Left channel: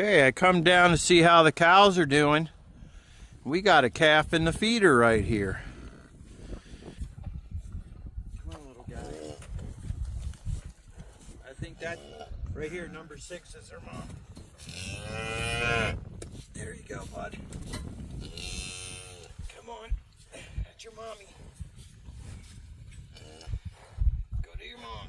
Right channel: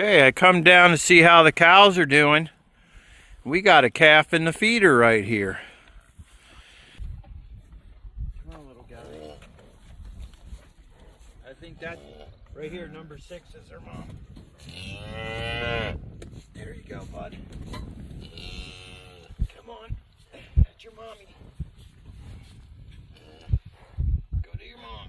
Okay, I come down to see how the cows are doing. We got a calf in the feeder right here. Come on, little guy. I think that right here, number 6 is her mom. There you go, bud. Come on. That's your mommy. Go to your mom.